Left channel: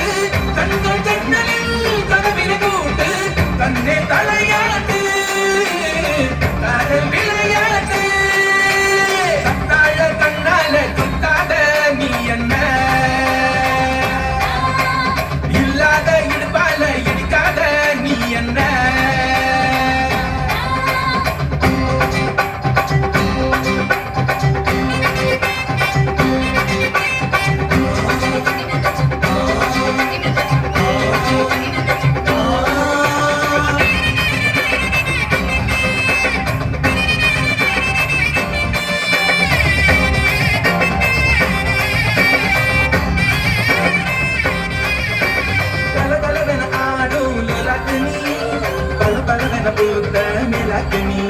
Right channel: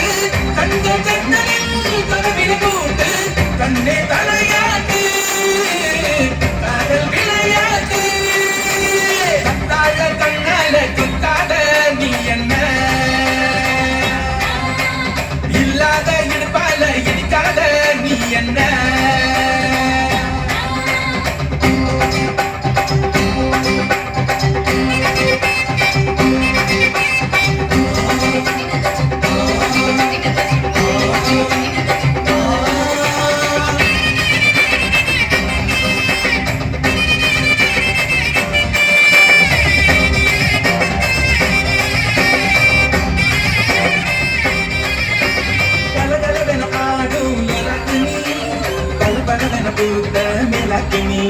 Hey! ದೇವತೆ ಮೆಲಕಣಿ